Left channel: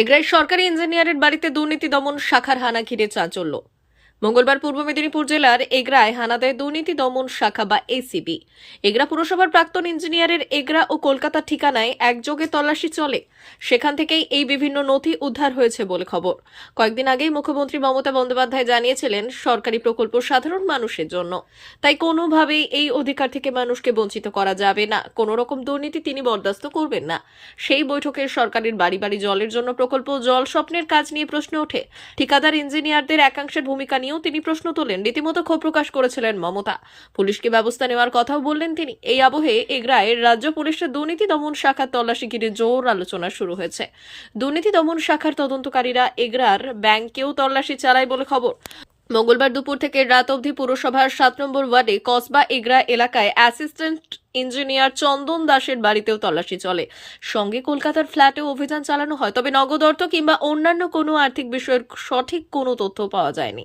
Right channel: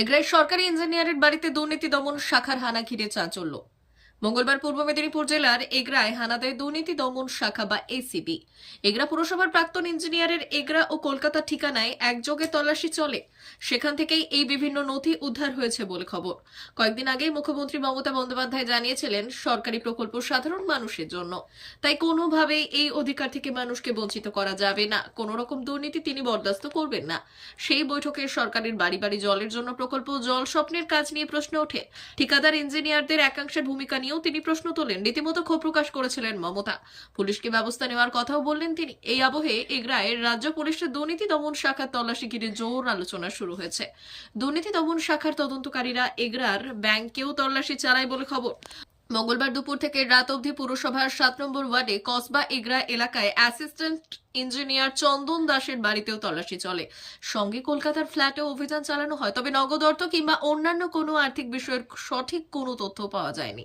এগ্রাই সরকারি ইঞ্জিনিয়ারের বাড়িতে দুর্নীতি দমন শাখার হানা ঘিরে চাঞ্চল্য। মঙ্গলবার পূর্ব মেদিনীপুর জেলার এগরায় হানা দেয় দুর্নীতি দমন শাখা বা এসিবি। এগরা পুরসভার প্রাক্তন ইঞ্জিনিয়ারের এগরা ও কলকাতার ঠিকানায় একযোগে তল্লাশি চলে। সেখান থেকেই এই বিভিন্ন নথি উদ্ধার হয়েছে বলে খবর। কয়েকদিন আগেই মুখ্যমন্ত্রী মমতা বন্দ্যোপাধ্যায় জানিয়েছিলেন, সরকারি প্রকল্প সাধারণ মানুষের জন্য। তাই কোনোভাবেই এই অধিকার থেকে মানুষকে বঞ্চিত করা যাবে না। কোনো রকম দুর্নীতি তিনি বরদাস্ত করবেন না। সেই বৈঠকে সরকারের বাড়ি বাড়ি জলের জন্য প্রকল্প, জল স্বপ্নের কাজ নিয়ে প্রশ্ন ওঠে। ঠিকাদার ইঞ্জিনিয়ারদের একাংশের ভূমিকা নিয়েও তিনি প্রশ্ন তোলেন। রীতিমতো ক্ষোভ প্রকাশ করেছিলেন মমতা। পুলিশকে ব্যবস্থা নেওয়ার কথাও বললেন তিনি। এই আবহে এগরায় রাজ্য পুলিশের দুর্নীতি দমন শাখার তল্লাশি ঘিরে জোর আলোচনা শুরু হয়েছে। দুর্নীতি দমন শাখার তদন্তকারীরা এগরার ব্যাংকেও তল্লাশি চালায় বলে খবর। মঙ্গলবার দুপুর থেকে রাত অবধি পুরসভার সাত নম্বর ওয়ার্ডে কসবা এগরা এলাকায় অ্যাসিস্ট্যান্ট ইঞ্জিনিয়ার চন্দন দাসের বাড়িতেও তল্লাশি চলে। সঙ্গে কলকাতার ফ্ল্যাটেও অভিযান চালানো হয়, তবে নগদ অর্থ কিংবা অন্যান্য কোনো আর্থিক বিষয়ের সঠিক কোনো তথ্য পাওয়া যায়নি।